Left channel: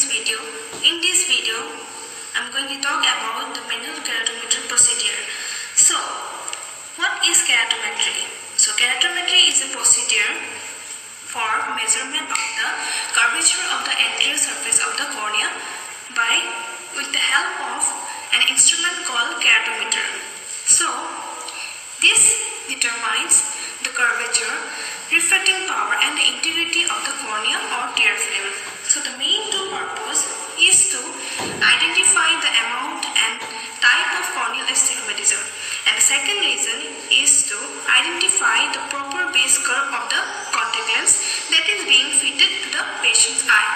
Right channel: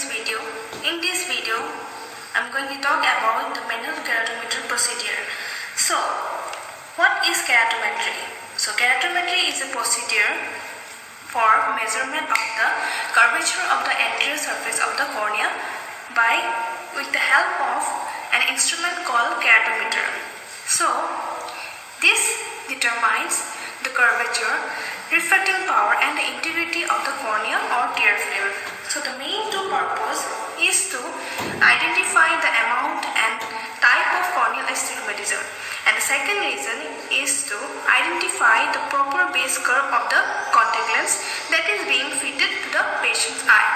this video. In this video, I'm going to talk about the manual keratometry procedure. So, what is keratometry? So, keratometry is a procedure for measurement of the curvature of the anterior surface of the cornea with the help of an instrument called keratometer. So, this determines the curvature, refracting power and the integrity of the cornea or tear film. So the main two purpose is to identify the amount and type of corneal astigmatism, and the second reason is to identify the proper base curve of the contact lens that is being fitted to the patient's eye.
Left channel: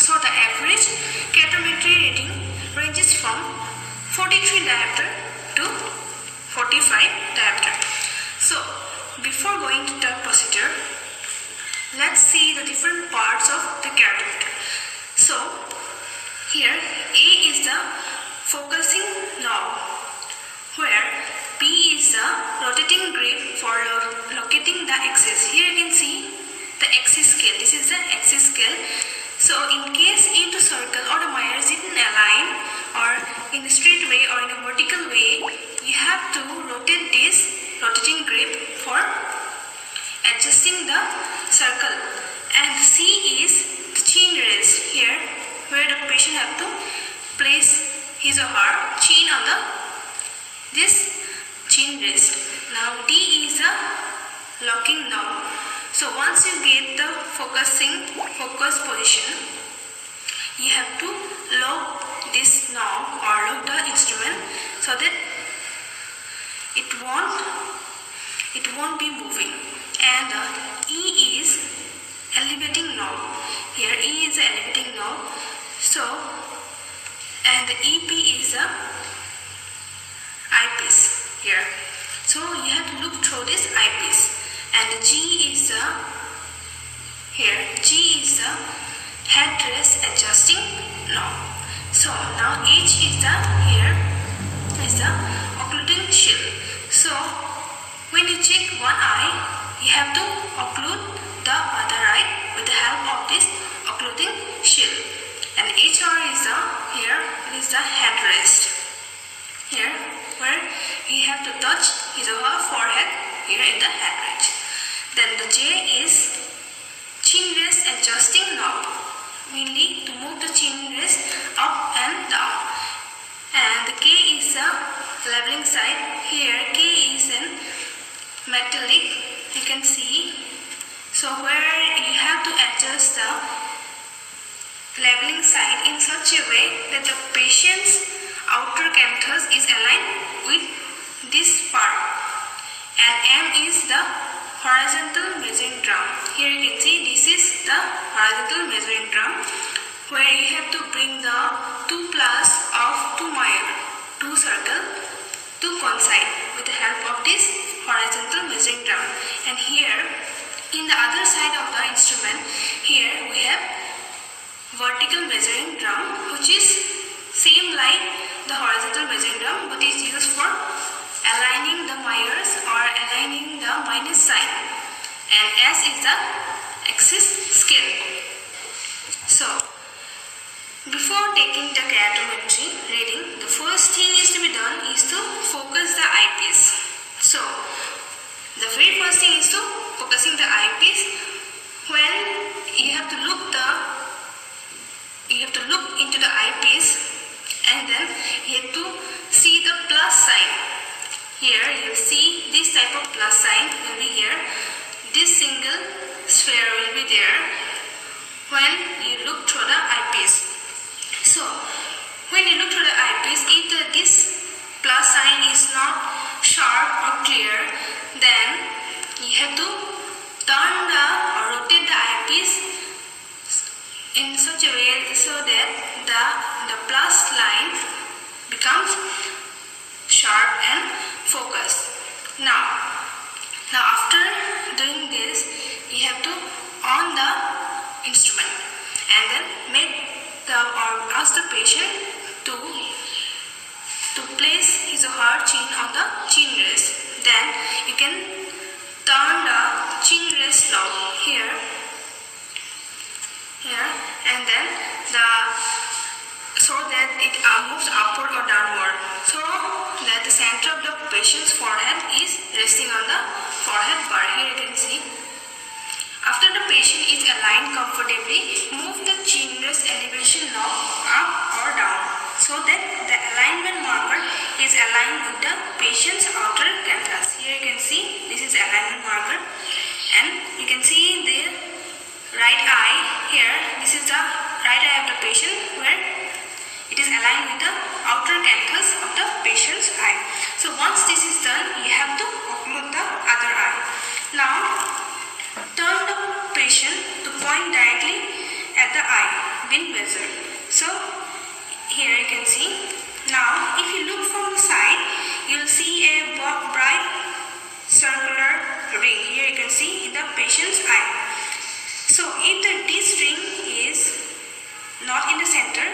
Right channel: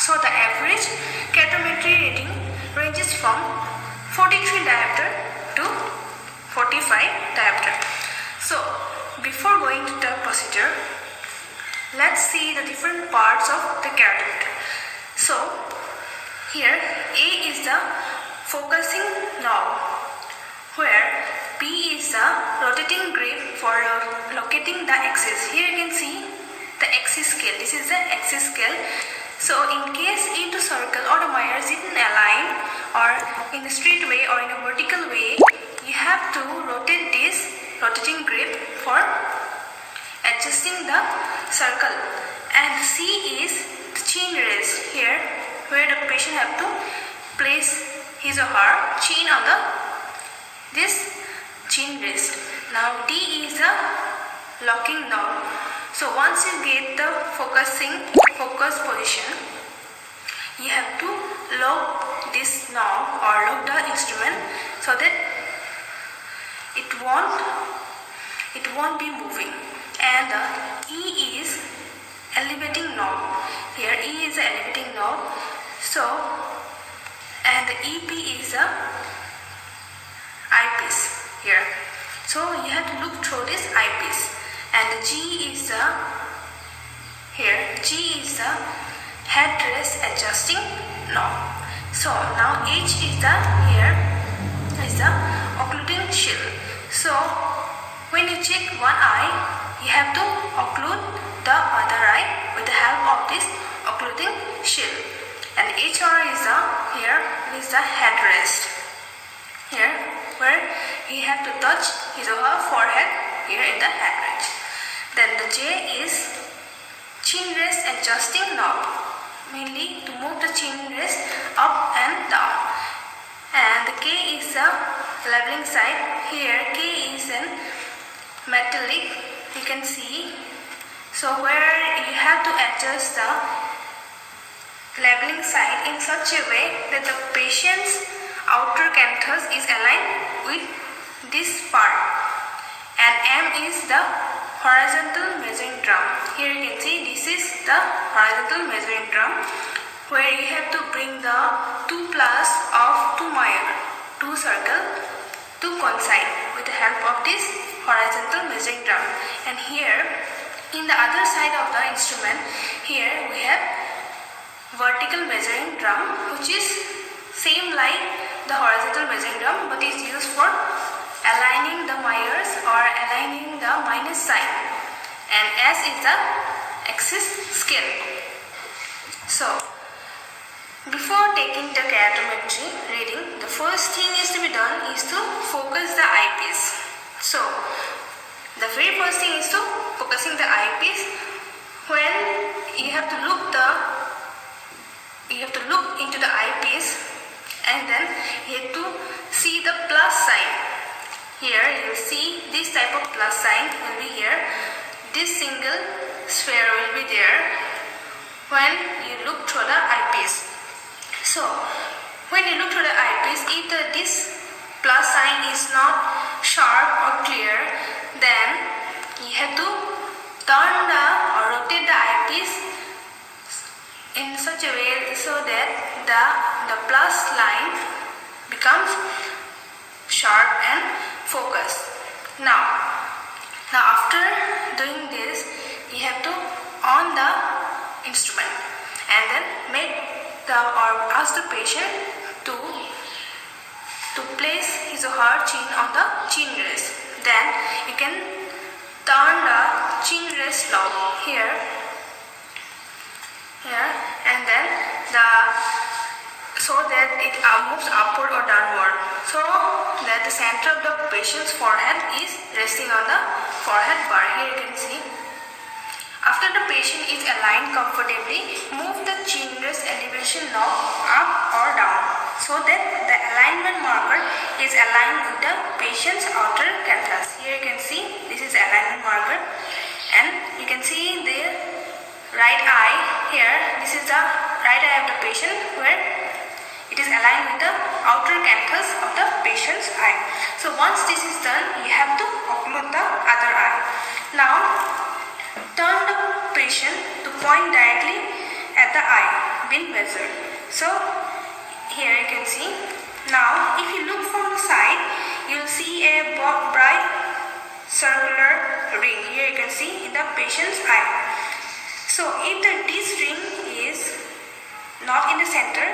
So the average keratometry reading ranges from 43 diopter to 45 diopter. So before going to the procedure, let's see the different parts of the keratometer. So here A is the focusing knob, where B is the rotating grip for locating the axis. Here you can see the axis scale. This is the axis scale. So in case into circle or the wires didn't align or in a straight way or in a vertical way, you have to rotate this rotating grip for adjusting the circle. And C is the chin rest, here where the patient have to place his or her chin on this chin rest. Now D is the locking knob. So once you get the focus position, you have to lock this knob or lock the instrument so that it won't be moving. And E is elevating knob. Here E is the elevating knob. So, and the EP is the eyepiece here. So you have to look through this eyepiece. And the G is the headrest adjusting knob. So now H is the occluding shield. So when you check one eye, you have to occlude the other eye with the help of this occluding shield. And HR is the headrest. Here where he have to touch his or her forehead here in the headrest. Then the J is chin rest adjusting knob, mainly to move the chin rest up and down. And the K is the leveling side. Here K is in metallic, you can see. So where you have to adjust the leveling side in such a way that the patient's outer canthus is aligned with this part. And M is the horizontal measuring drum. Here you can see this is the horizontal measuring drum, where you have to bring the two plus of two circle to coincide with the help of this horizontal measuring drum. And here in the other side of the instrument, here we have vertical measuring drum, which is same like the horizontal measuring drum, but is used for aligning the wires or aligning the minus sign. And S is the axis scale. So before taking the keratometry reading, the first thing is to be done is to focus the eyepiece. So the very first thing is to focusing the eyepiece, when you have to look into the eyepiece, and then you have to see the plus sign. Here you see this type of plus sign will be here. This single sphere will be there when you look through the eyepiece. So when you look through the eyepiece, if this plus sign is not sharp or clear, then you have to turn or rotate the eyepiece in such a way so that the plus line becomes sharp and focused. Now after doing this, you have to on the instrument and then ask the patient to place his or her chin on the chin rest. Then you can turn the chin rest knob here, and then so that it moves upward or downward, so that the center of the patient's forehead is resting on the forehead bar. Here you can see. After the patient is aligned comfortably, move the chin rest elevation knob up or down so that the alignment marker is aligned with the patient's outer canthus. Here you can see this is the alignment marker, and you can see the right eye here. This is the right eye of the patient where it is aligned with the outer canthus of the patient's eye. So once this is done, you have to occlude the other eye. Now turn the patient to point directly at the eye when measured. So here you can see. Now if you look from the side, you will see a bright circular ring. Here you can see in the patient's eye. So if this ring is not in the center,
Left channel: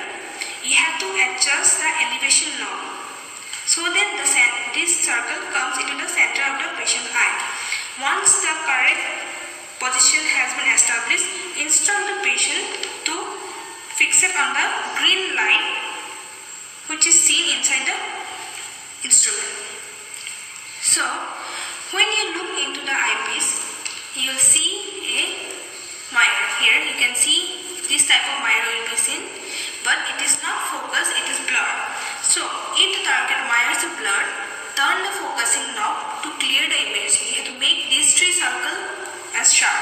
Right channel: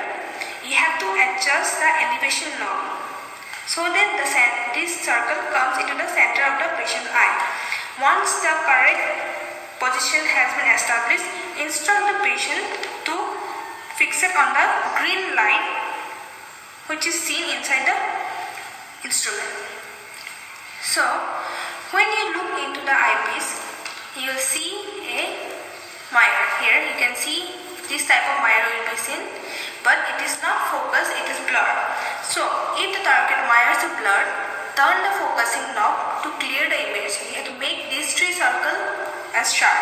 you have to adjust the elevation knob so that this circle comes into the center of the patient's eye. Once the correct position has been established, instruct the patient to fix it on the green light which is seen inside the instrument. So when you look into the eyepiece, you will see a mirror. Here you can see this type of mirror will be seen, but it is not focused, it is blurred. So if the target mirror is blurred, turn the focusing knob to clear the image. You have to make these three circles as sharp.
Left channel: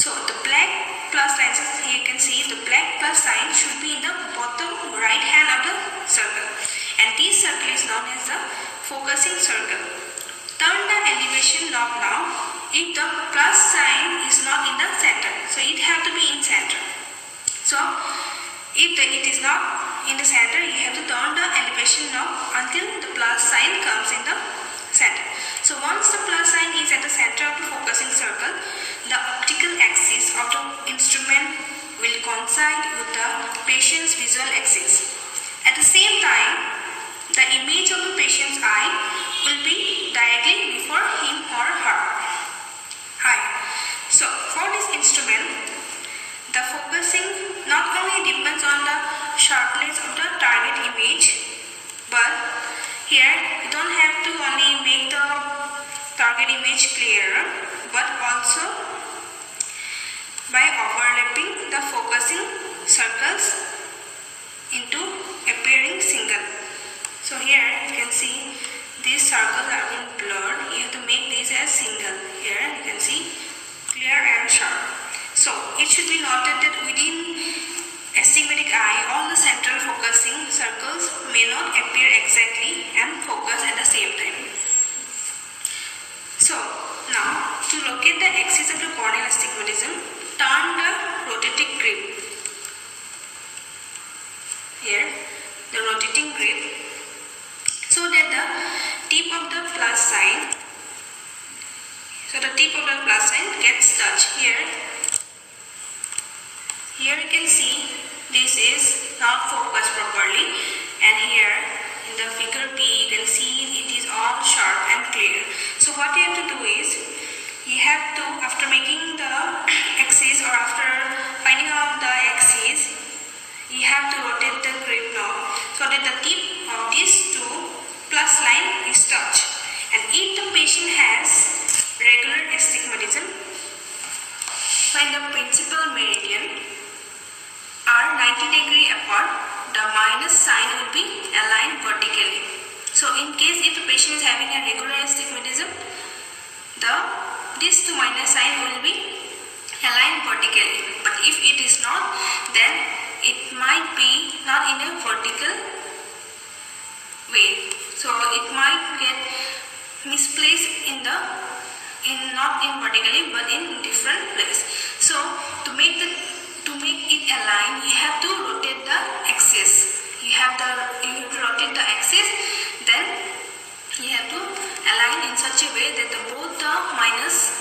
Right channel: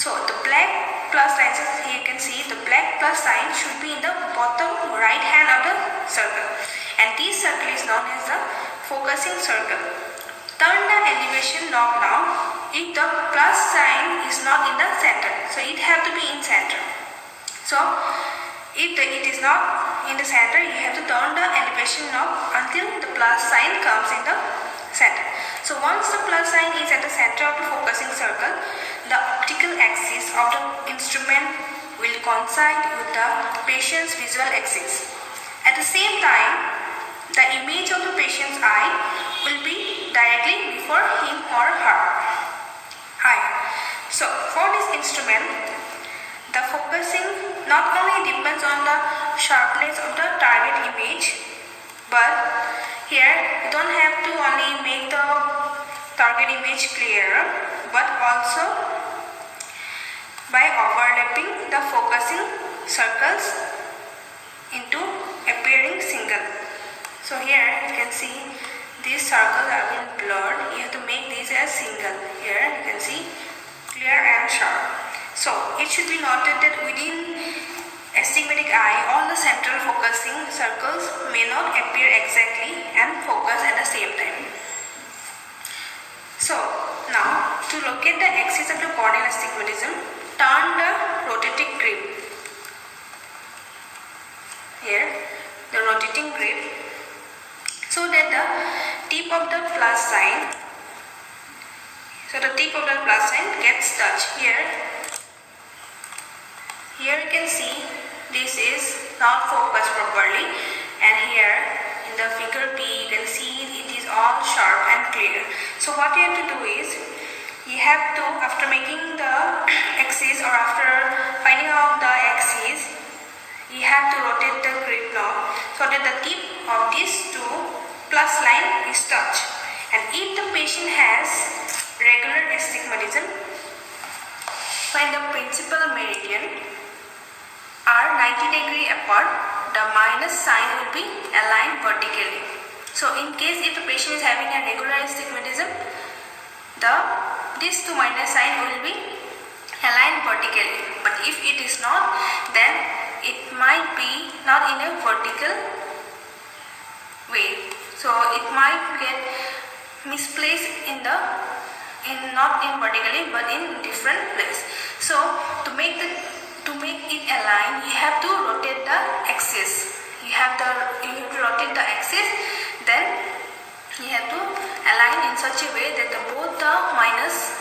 So the black plus line, here you can see the black plus sign should be in the bottom right hand of the circle, and this circle is known as the focusing circle. Turn the elevation knob now if the plus sign is not in the center, so it have to be in center. So if it is not in the center, you have to turn the elevation knob until the plus sign comes in the center. So once the plus sign is at the center of the focusing circle, the optical axis of the instrument will coincide with the patient's visual axis. At the same time, the image of the patient's eye will be directly before him or her eye. So for this instrument, the focusing not only depends on the sharpness of the target image, but here you don't have to only make the target image clearer, but also by overlapping the focusing circles into appearing single. So here you can see these circles are being blurred. You have to make these as single. Here you can see clear and sharp. So it should be noted that within astigmatic eye, all the central focusing circles may not appear exactly and focus at the same time. So now to locate the axis of the corneal astigmatism, turn the rotating grip. Here the rotating grip, so that the tip of the plus sign, gets touched. Here you can see this is not focused properly, and here in the figure B you can see it is all sharp and clear. So what you have to do is, you have to, after making the axis or after finding out the axis, you have to rotate the grip knob so that the tip of these two plus line is touched. And if the patient has regular astigmatism, when the principal meridian are 90 degrees apart, the minus sign will be aligned vertically. So in case if the patient is having a regular astigmatism, these two minus sign will be aligned vertically. But if it is not, then it might be not in a vertical way. So it might get misplaced not in vertically but in different place. So to make it align, you have to rotate the axis. You have to rotate the axis, then you have to align in such a way that both the minus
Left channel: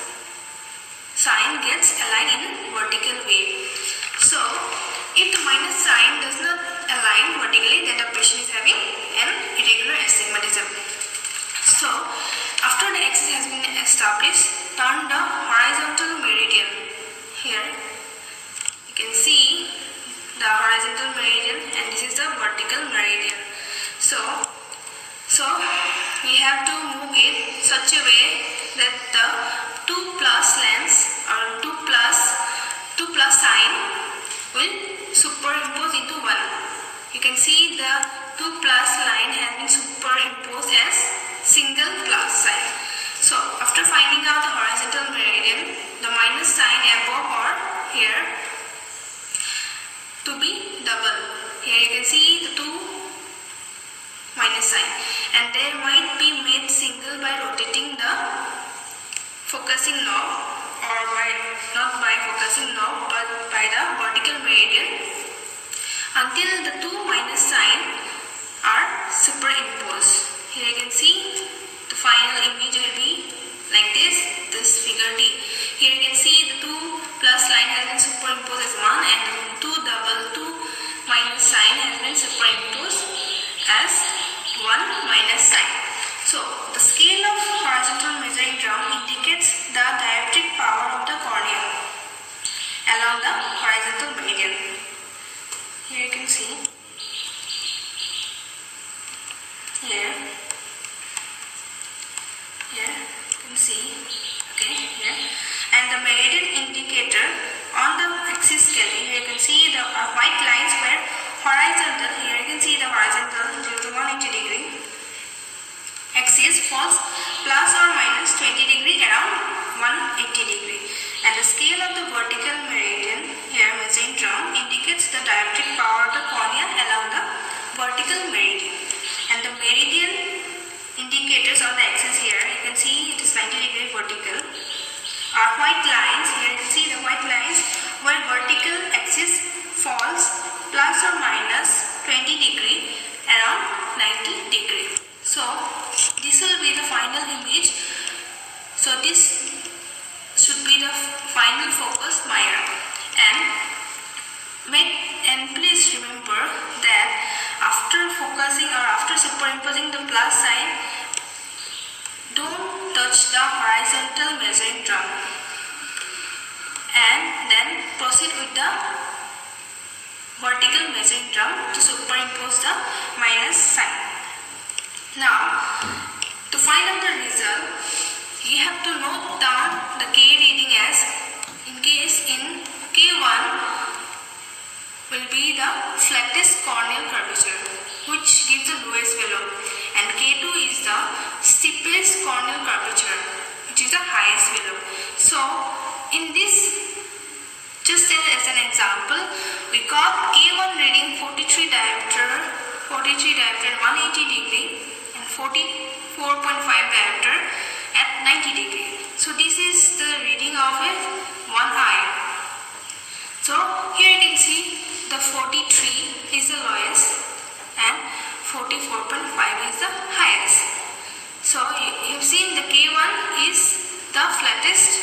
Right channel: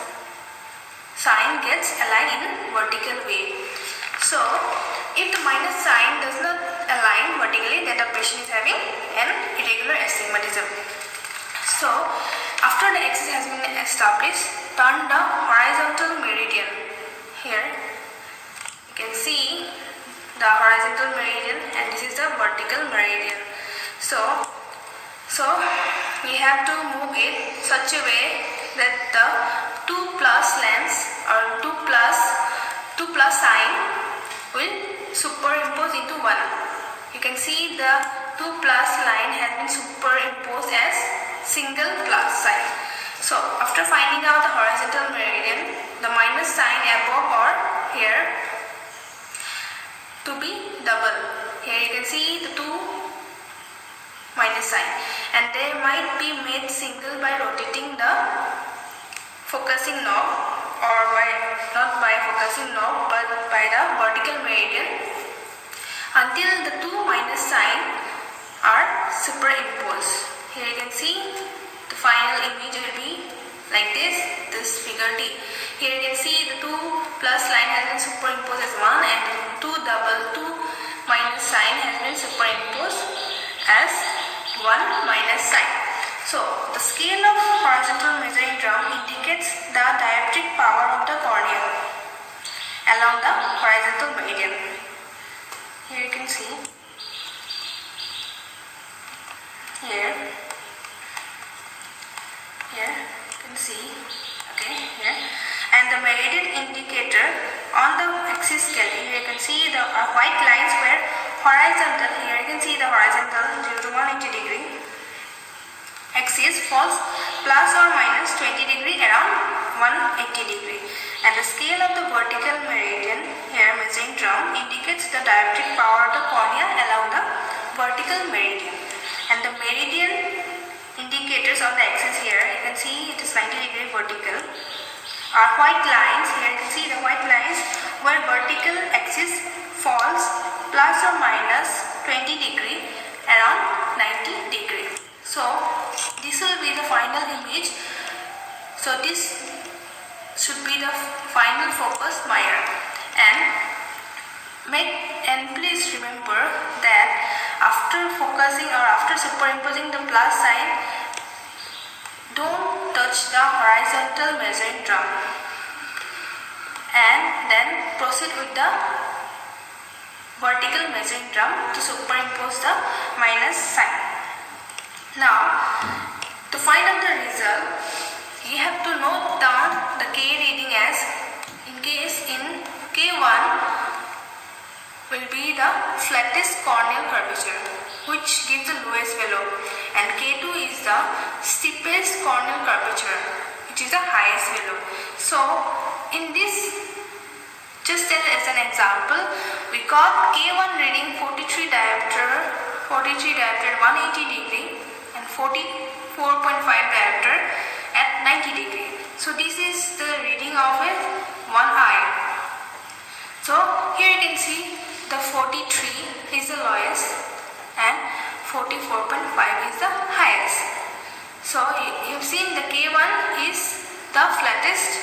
sign gets aligned in vertical way. So if the minus sign does not align vertically, then the patient is having an irregular astigmatism. So after the axis has been established, turn the horizontal meridian. Here you can see the horizontal So we have to move it such a way that the 2 plus lengths or 2 plus sign will superimpose into 1. You can see the 2 plus line has been superimposed as single plus sign. So after finding out the horizontal meridian, the minus sign above or here to be double. Here you can see the 2 minus sign, and they might be made single by rotating the focusing knob, or not by focusing knob but by the vertical meridian, until the 2 minus sign are superimposed. Here you can see the final image will be like this figure D. Here you can see the 2 plus line has been superimposed as 1, and the 2 minus sign has been superimposed as 1 minus sign. So the scale of horizontal measuring drum indicates the dioptric power of the cornea along the horizontal meridian. Here you can see, here you can see, okay, here, and the meridian indicator on the axis scale. Here you can see the white lines where horizontal, here you can see the horizontal 0 to 180 degree axis falls plus or minus 20 degree around 180 degree, and the scale of the vertical meridian here measuring drum indicates the dioptric power of the cornea along the vertical meridian, and the meridian indicators on the axis here you can see it is 90 degree vertical are white lines. Here you can see the white lines where vertical axis falls plus or minus 20 degree around 90 degree. So this will be the final image. So this should be the final focus mirror, and please remember that after focusing or after superimposing the plus sign, don't touch the horizontal measuring drum, and then proceed with the vertical measuring drum to superimpose the minus sign. Now, to find out the result, you have to note down the K reading as, in case in K1 will be the flattest corneal curvature, which gives the lowest value, and K2 is the steepest corneal curvature, which is the highest value. So in this, just as an example, we got K1 reading 43 diopter 180 degree and 44.5 diopter at 90 degree. So this is the reading of one eye. So here you can see the 43 is the lowest and 44.5 is the highest. So you've seen the K1 is the flattest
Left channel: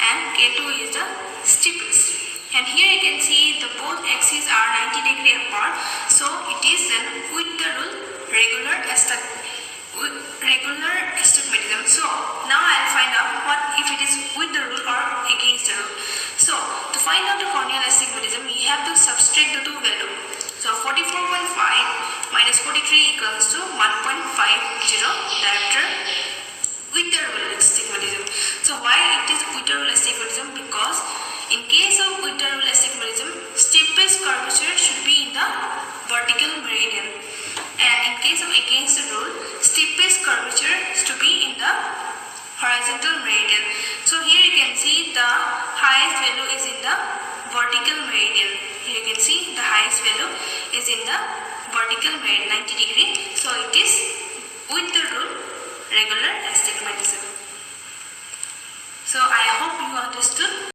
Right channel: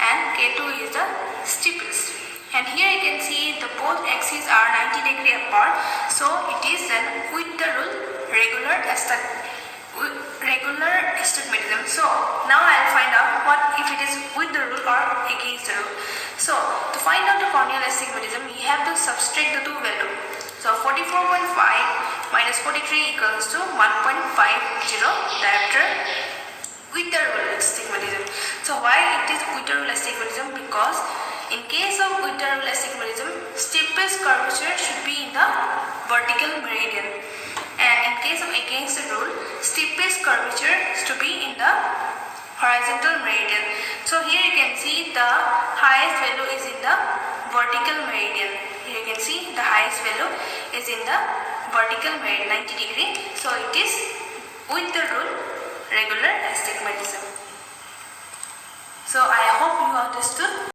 and K2 is the steepest. And here you can see the both axes are 90 degree apart. So it is then with the rule regular astigmatism. So now I'll find out what if it is with the rule or against the rule. So to find out the corneal astigmatism, we have to subtract the two values. So 44.5 minus 43 equals to 1.50 diopter with the rule astigmatism. So why it is with the rule astigmatism? Because in case of with the rule astigmatism, steepest curvature should be in the vertical meridian, and in case of against the rule, steepest curvature is to be in the horizontal meridian. So here you can see the highest value is in the vertical meridian. Here you can see the highest value is in the vertical meridian, 90 degree